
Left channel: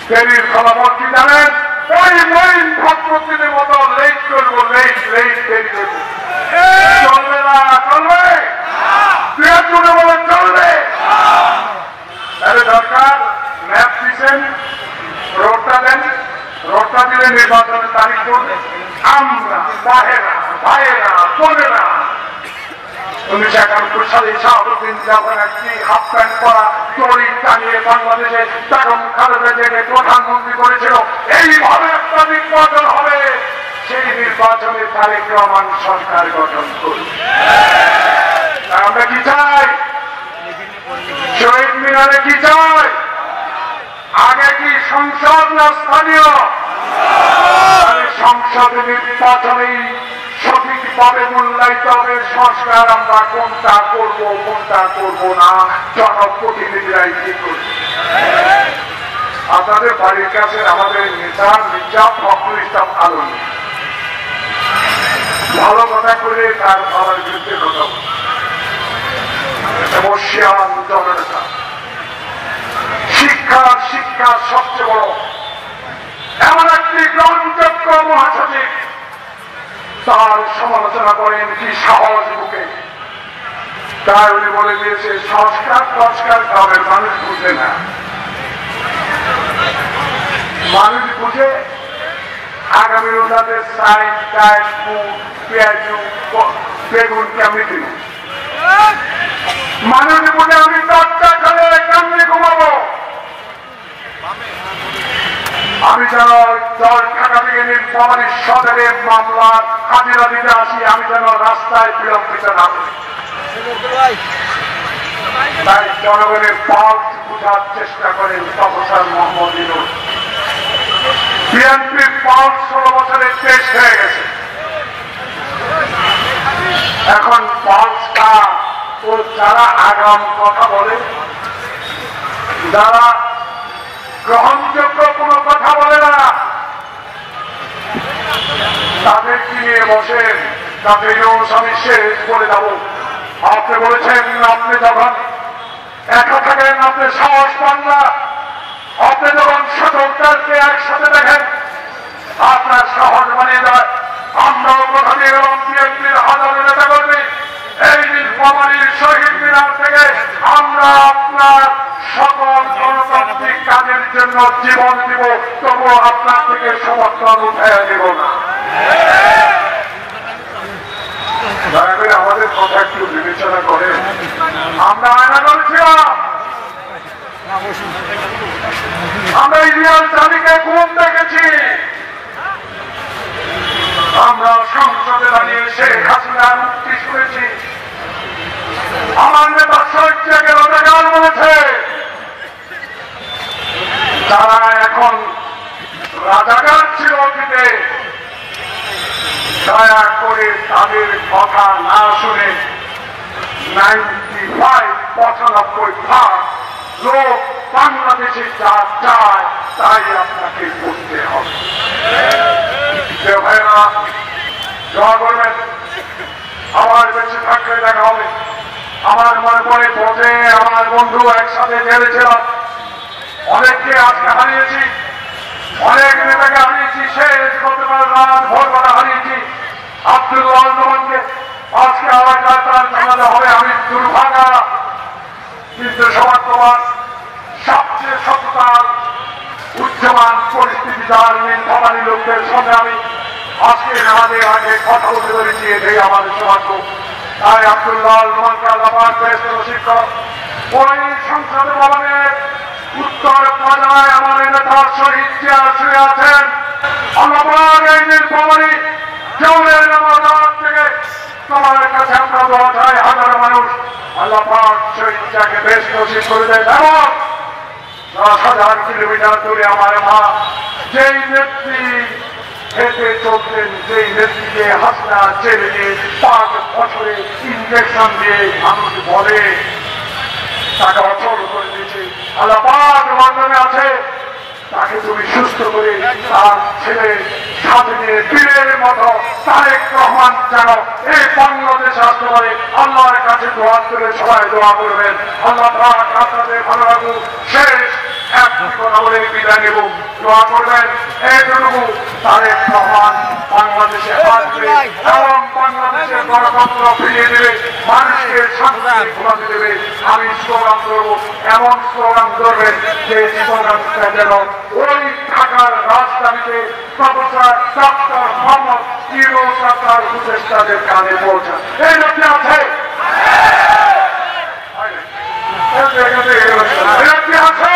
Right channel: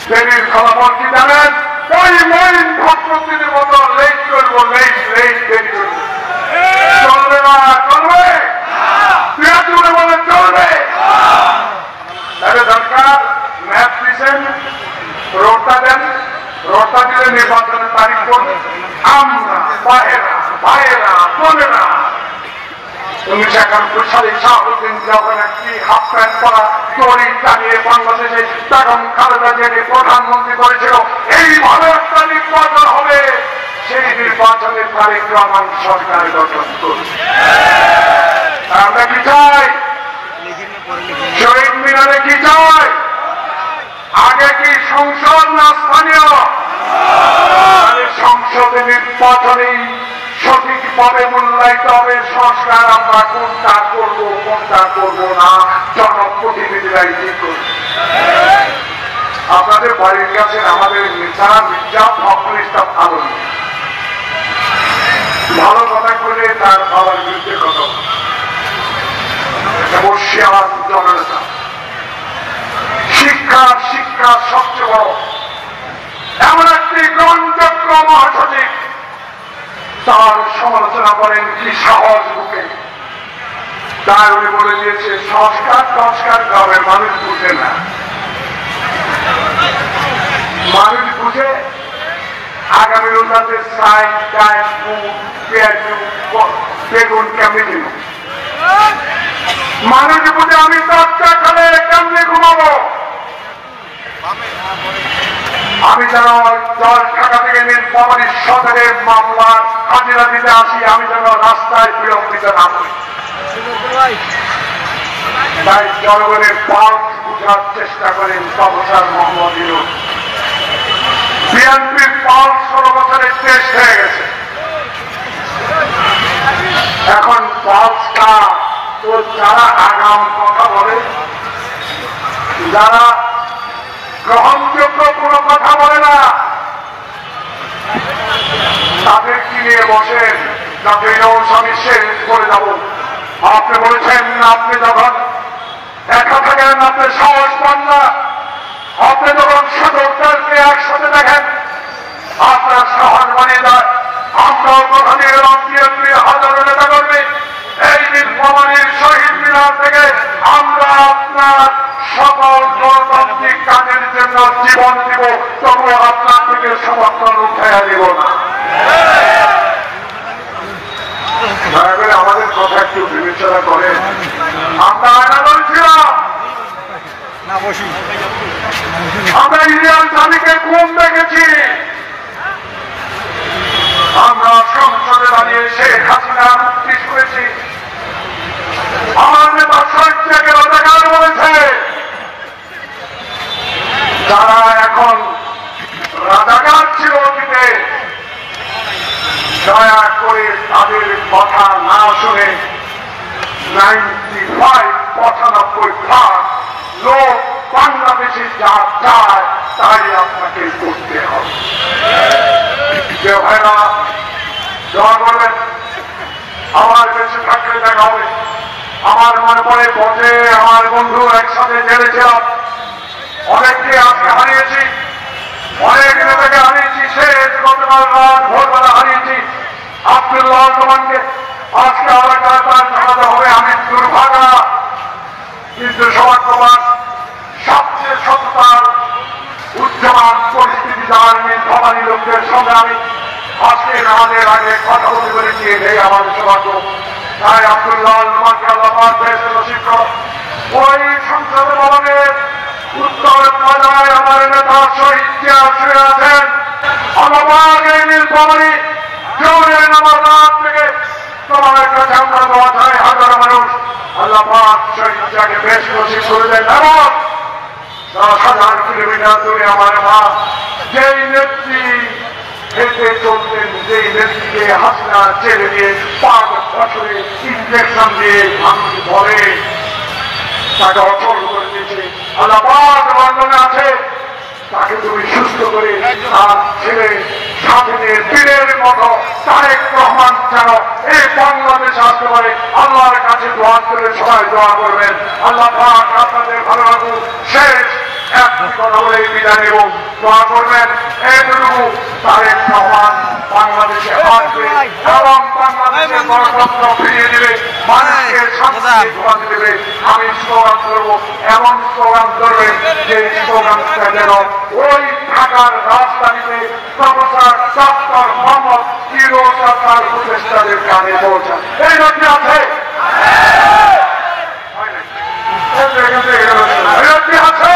দেরির ফলাফল কি জানেন? ওই মহিন ভক্তদের মতো লেট করবো, লেট লেট দেরি করবো। চলবে না, চলবে বৃহত্তর বলে চলবে। তাহলে দরকার ম্যাপ দিচ্ছেন, রোডটা দেন, রোডটা দিলে নির্বাচনের তারিখ করবে। আমরা ভাইয়েরা ভাইয়েরা বোনেরা 1971 সালে শাহাবুদ্দিন যখন একটি হাফ প্যান্ট পরা চড়ি টানিয়ে বাংলাদেশে তখন খালেদা জিয়াকে প্রধানমন্ত্রী করেছিল, এইভাবে একটা নির্বাচন হবে। সেই নির্বাচনে তারেক রহমান সরকার গঠন করবে। আমরা কি চাই? শহীদ মিনারে কি চাই? আগে কি সংসদ না স্থানীয়? সংসদে নির্বাচনেই সঠিকভাবে মূল্যায়িত হবে সংস্কার। আমরা কোনটা করবো কোনটা করবো না জনপ্রতিনিধিরাই ঠিক করবে। আপনাদের বাড়ির কাছে আমাদের নেতা মির্জা ফখরুল ইসলাম আলম ভালো কথা করে তার বাবার বিরুদ্ধে কথা বর্ষিয়াবাদ জননেতা, শিক্ষা সবচেয়ে বড় এমন একটি গ্রহণযোগ্য মহাসচিব, তার সমালোচনা করেন কি সাহস বুকে। তাই উনি বলে দিয়েছে সংস্কার গ্রামের মানুষ বুঝে না, মানুষ বুঝে আগামী উন্নতে সাইড ডাল ফুল পেঁয়াজ বেগুন কেমনি দিন মানুষ বুঝে। আমি দরজা খেলে কেমনি ঘুমাবো, আমি যেন জল ঢাকা থেকে নীলফামারী সদরের মামলার হাজিরা দিতে আসি, আমি যেন রাস্তায় বিলম্বিত না করি। তাই জনগণের পাল্স বোঝার চেষ্টা করেন প্রফেসর মোহাম্মদ ইউনূস। বিএনপির পাল্স 16 বছরের টেস্ট হয়ে গেছে, এখন পাল্স কথা, তো যারা আগাম কথা বলে, যারা গ্রহণযোগ্য কোনো কথা বলে না, তাদেরকে নিয়ে বসেন যাতে আমি শেষ করে যাব। আপনি বলেছেন আপনি যখন একা থাকেন আপনি সাহস পান না, আপনি যখন সদস্যদেরকে একসাথে দেখেন আপনার সাহস বানিয়ে দেয়। আমরাও কথা দিয়ে গেলাম বিএনপির হাজারো নেতা কর্মী এই নীলফামারীর শহীদ মিনার থেকে আমরা আপনার সকল গণতান্ত্রিক কাজের জন্য জীবন দিব, তবু আপনার থেকে সমর্থন উঠে দিব না। আমাদের কথা একটু বিবেচনা করেন। আমরা আয়না বলছিলাম, আমরা ইন্ডিয়ান জাতিকে ঘুম দেখেছি, আমরা সংসদে দাঁড়িয়ে শেখ হাসিনার মুক্তি শুনেছি, আমার নেতা শহীদকে রাজাকার বলেছে। যারা এখন রাজাকার ছিল অতীতে, দয়া করে তাদের কথা না শুনে 95% লোক বাংলাদেশে যা চায় তাই আপনাকে করতে হবে। যে ভাইরা দোয়া করবেন, আমার বেঁচে থাকলে দেখা হবে। আমার মনে পড়ে পথে আমার বন্ধু একসাথে জেলেছিলাম, অনেককে আজকে হারিয়েছি, অনেক নেতাকে হারিয়েছি, শেষ গতকাল রাত ভোরবেলা হারিয়েছি আব্দুল্লাহ রহমানকে। আজকে আবার তার জানাতে হবে আমি দুর্ভাগা, কিন্তু সবার তোমার সবচেয়ে সততার উচ্চমান পরিস্থিতি যার নীলফামারী লোকদের সঙ্গে আমি আজকে আমাদের আগে কথা বলতে পেরেছি, এটাই আমাদের সৌভাগ্য। তাই আব্দুল্লাহ রহমানকে আল্লাহ নসিব করো। ওই সংসদ ভবনের উত্তর বাজায় আমার নেতা শহীদ জিয়া শুয়ে আছেন। আমার এই নীলফামারী জৌরের নামার রাত থেকে তোমার কাছে আমরা দোয়া চাই, হাজারো মানুষ আল্লাহ পাক শহীদ জিয়াকে বেশ নসিব করে দেয়। 10,000 কিলোমিটার দূরে আমার মা যেই নেত্রী হেঁটে চলতেন, যেই নেত্রীকে হাসিনা জেলে দিয়ে 5 বছরে ইনজেকশন দিয়ে মানুষ বলে তাকে অচল করে দিয়েছে। আল্লাহ পাক লন্ডনে আছে, তাকে তুমি সুস্থ করে তার ছেলে সাথে নিয়ে বীরের মতো তারেক রহমান যেন এই বাংলাদেশে আসতে পারে আল্লাহর কাছে দোয়া করে সবাই দোয়া করবেন। আল্লাহ পাক আপনাদের ভালো লাগুক। শেষ একটি কথা বলে বিদায় নেব, দোয়া করবেন এইটুকু তারেক রহমান বাংলাদেশে আসবে এবং বাংলাদেশের গণতন্ত্র ফিরিয়ে দেবে, মানুষকে শান্তিতে ঘুমাতে দেবে। আমি স্লোগান করবো, এমন স্লোগান করবেন যে স্লোগানটা যেন ওই ঢাকার রাজধানীতে প্রফেসর ডক্টর মোহাম্মদ ইউনূস সরকার উপদেষ্টাদের কানে পৌঁছান। এই লক্ষ্য আছে, আছে